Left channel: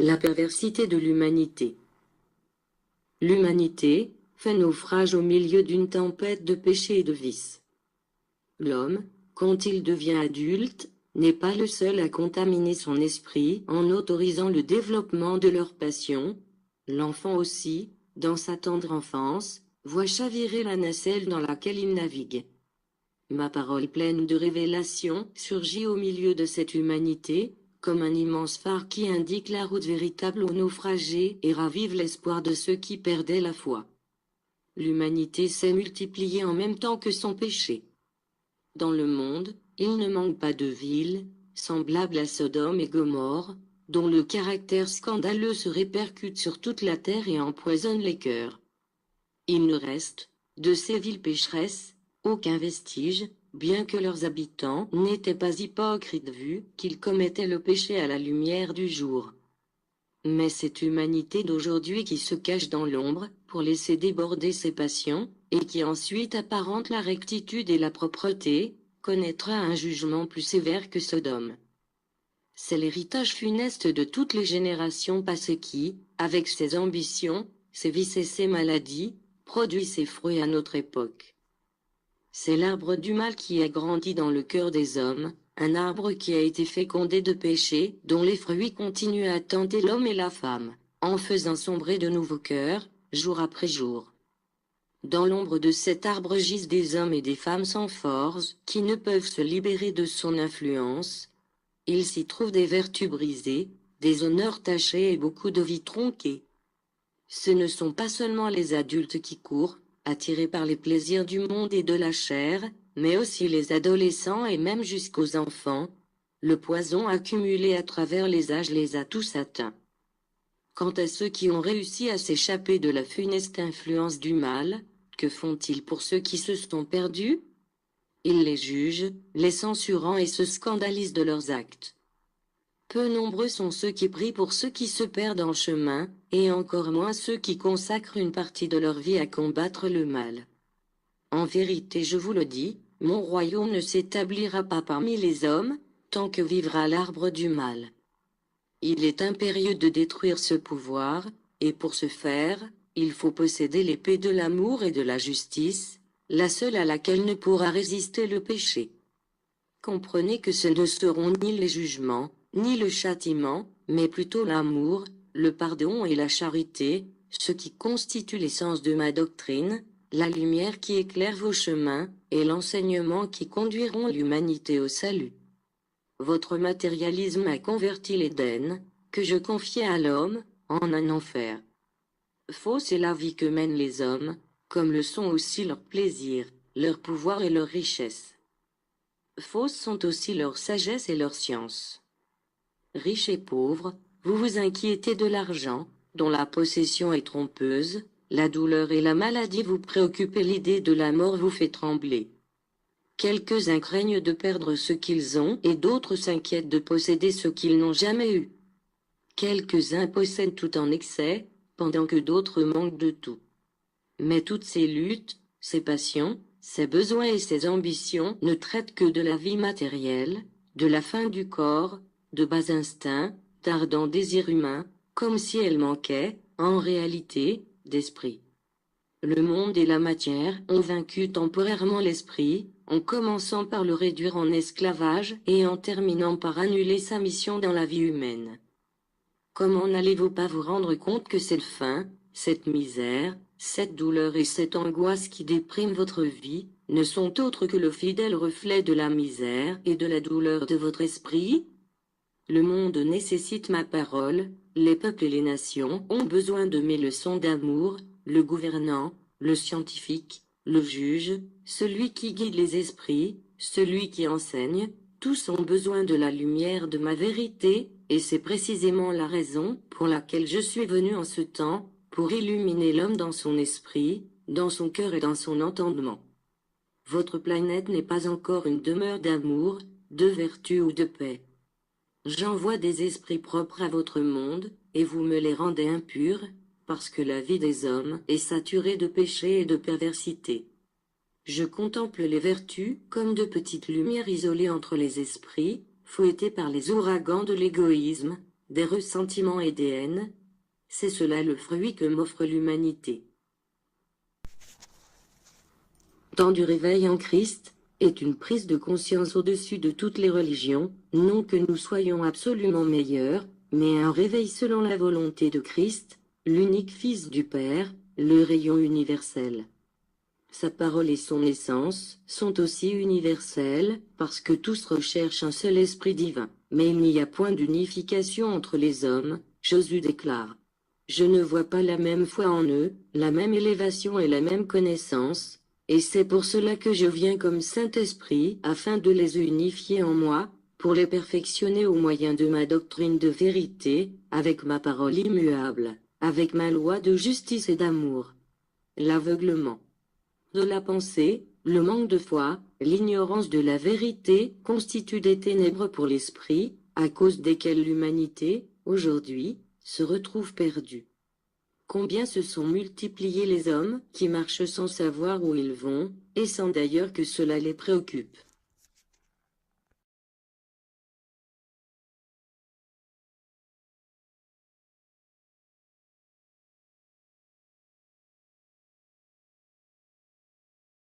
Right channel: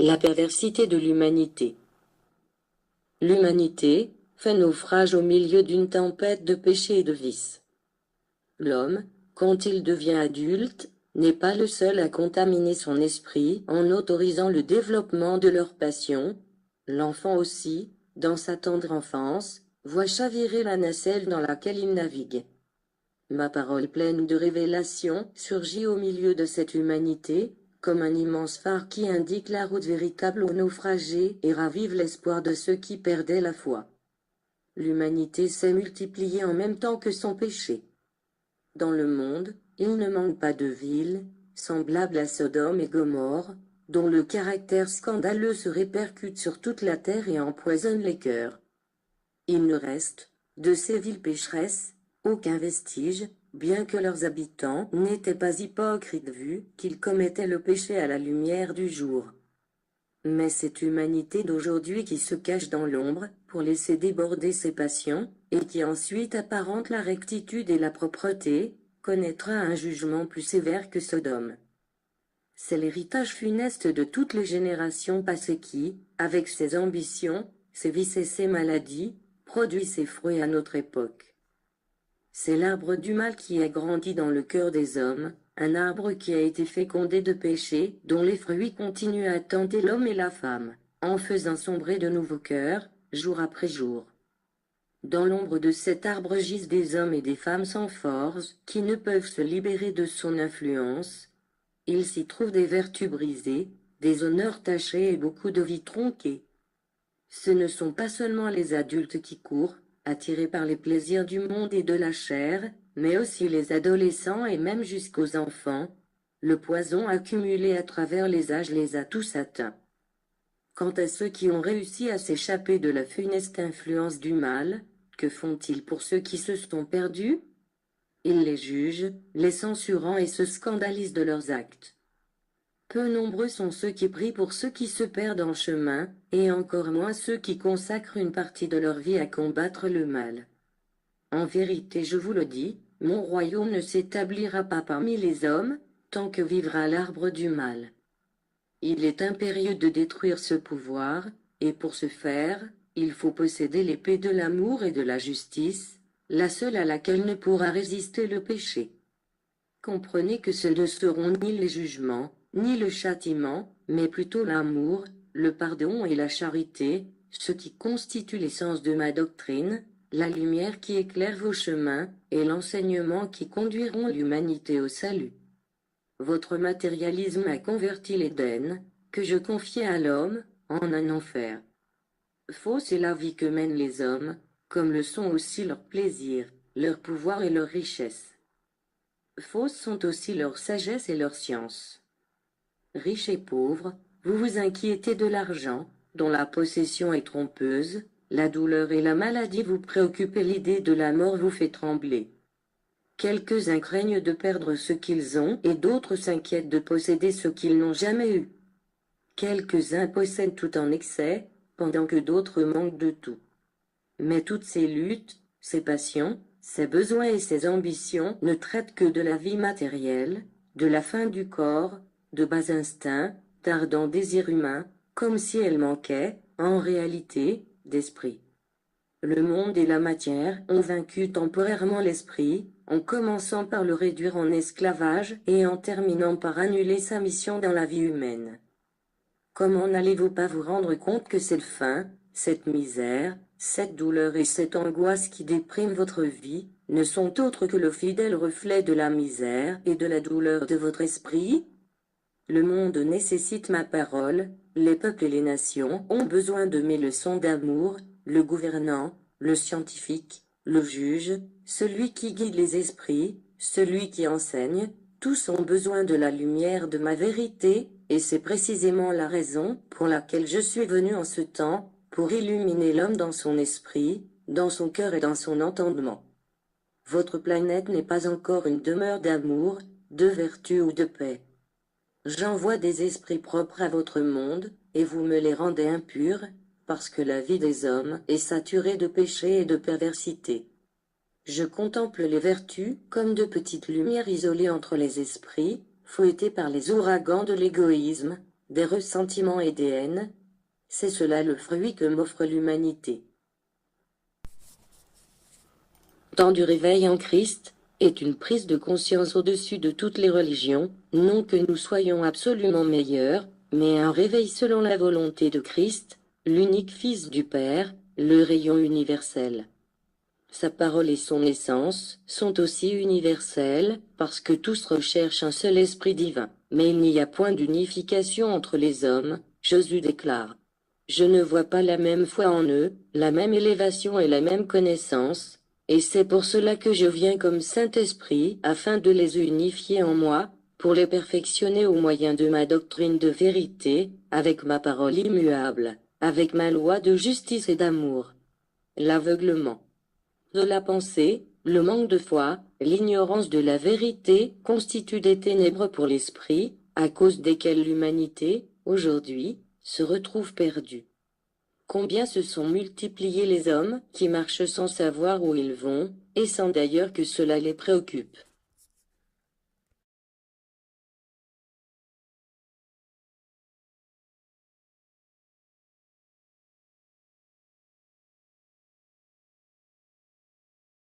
La perversité de l'humanité. L'humanité fait naufrage au milieu d'une tempête de péché et de vices. L'homme, quand il devient adulte, n'est pas le seul à contaminer son esprit en autorisant le développement de leurs passions. L'enfant aussi, dans sa tendre enfance, voit chavirer la nacelle dans laquelle il navigue. Ma parole pleine de révélation surgit au milieu de cette humanité, comme un immense phare qui indique la route véritable aux naufragés et ravive l'espoir de ceux qui perdaient la foi. L'humanité s'est multipliée en même temps que son péché. Dans le monde, il ne manque pas de villes, semblables à Sodome et Gomorrhe, dont le caractère scandaleux se répercute sur toute la terre et empoisonne les cœurs. Il ne reste, de ces villes pécheresses, aucun vestige, bien que leurs habitants n'étaient pas hypocrites vu qu'ils commettaient le péché à la lumière du jour. Mais cette humanité d'aujourd'hui qui se cache dans l'ombre pour laisser déborder ses passions, et qui ensuite apparente la rectitude et la propreté, connaîtra un jugement plus sévère que Sodome. C'est l'héritage funeste de toutes les générations passées qui, avec ses ambitions, ses vices et ses maladies, produit ses fruits à notre époque. C'est l'arbre du mal qui a grandi dans le cœur des hommes, un arbre qui a été fécondé de péché, dont les fruits continuent à tenter l'homme et la femme, en faisant sombrer de nouveaux cœurs, jour après jour. Dans l'ombre de cet arbre gisent des hommes et des femmes sans force, qui ne peuvent se libérer de son influence. Il s'y trouve des vertus brisées, des honneurs tachés et beaucoup de vies tronquées. Ce ne sont pas seulement les adultes qui courent, attirés par les plaisirs du monde et de la chair, mais aussi les adolescents et même jusqu'aux enfants. Le poison accumulé à travers les âges les a tous atteints. Quant à ceux qui ont réussi à s'échapper de la funeste influence du mal, que font-ils pour ceux qui se sont perdus? Ils les jugent, les censurant et se scandalisent de leurs actes. Peu nombreux sont ceux qui prient pour ceux qui se perdent en chemin, et encore moins ceux qui consacrent une partie de leur vie à combattre le mal. En vérité, je vous le dis, mon royaume ne s'établira pas parmi les hommes, tant que vivra l'arbre du mal. Il est impérieux de détruire ce pouvoir, et pour ce faire, il faut posséder l'épée de l'amour et de la justice, la seule à laquelle ne pourra résister le péché. Comprenez que ce ne seront ni les jugements, ni le châtiment, mais plutôt l'amour, le pardon et la charité, ce qui constitue l'essence de ma doctrine, la lumière qui éclaire vos chemins, et l'enseignement qui conduiront l'humanité au salut. Votre matérialisme a converti l'Éden, que je confiais à l'homme, en un enfer. Fausse est la vie que mènent les hommes, comme le sont aussi leurs plaisirs, leur pouvoir et leur richesse. Fausses sont aussi leur sagesse et leur science. Riches et pauvres, vous vous inquiétez de l'argent, dont la possession est trompeuse, la douleur et la maladie vous préoccupent et l'idée de la mort vous fait trembler. Quelques-uns craignent de perdre ce qu'ils ont et d'autres s'inquiètent de posséder ce qu'ils n'ont jamais eu. Quelques-uns possèdent tout en excès, pendant que d'autres manquent de tout. Mais toutes ces luttes, ces passions, ces besoins et ces ambitions ne traitent que de la vie matérielle, de la faim du corps, de bas instincts, d'ardents désirs humains, comme si elles manquaient, en réalité, d'esprit. Le monde et la matière ont vaincu temporairement l'esprit, en commençant par le réduire en esclavage et en terminant par annuler sa mission dans la vie humaine. Comment n'allez-vous pas vous rendre compte que cette faim, cette misère, cette douleur et cette angoisse qui dépriment votre vie, ne sont autres que le fidèle reflet de la misère et de la douleur de votre esprit? Le monde nécessite ma parole, les peuples et les nations ont besoin de mes leçons d'amour, le gouvernant, le scientifique, le juge, celui qui guide les esprits, celui qui enseigne, tous ont besoin de la lumière de ma vérité, et c'est précisément la raison pour laquelle je suis venu en ce temps, pour illuminer l'homme dans son esprit, dans son cœur et dans son entendement. Votre planète n'est pas encore une demeure d'amour, de vertu ou de paix. J'envoie des esprits propres à votre monde, et vous me les rendez impurs, parce que la vie des hommes est saturée de péché et de perversité. Je contemple les vertus comme de petites lumières isolées entre les esprits, fouettées par les ouragans de l'égoïsme, des ressentiments et des haines. C'est cela le fruit que m'offre l'humanité. Temps du réveil en Christ est une prise de conscience au-dessus de toutes les religions, non que nous soyons absolument meilleurs, mais un réveil selon la volonté de Christ, l'unique Fils du Père, le rayon universel. Sa parole et son essence sont aussi universelles, parce que tous recherchent un seul esprit divin. Mais il n'y a point d'unification entre les hommes, Jésus déclare. Je ne vois pas la même foi en eux, la même élévation et la même connaissance, et c'est pour cela que je viens comme Saint-Esprit, afin de les unifier en moi, pour les perfectionner au moyen de ma doctrine de vérité, avec ma parole immuable, avec ma loi de justice et d'amour. L'aveuglement de la pensée, le manque de foi, l'ignorance de la vérité constituent des ténèbres pour l'esprit, à cause desquelles l'humanité, aujourd'hui, se retrouve perdue. Combien se sont multipliés les hommes qui marchent sans savoir où ils vont, et sans d'ailleurs que cela les préoccupe.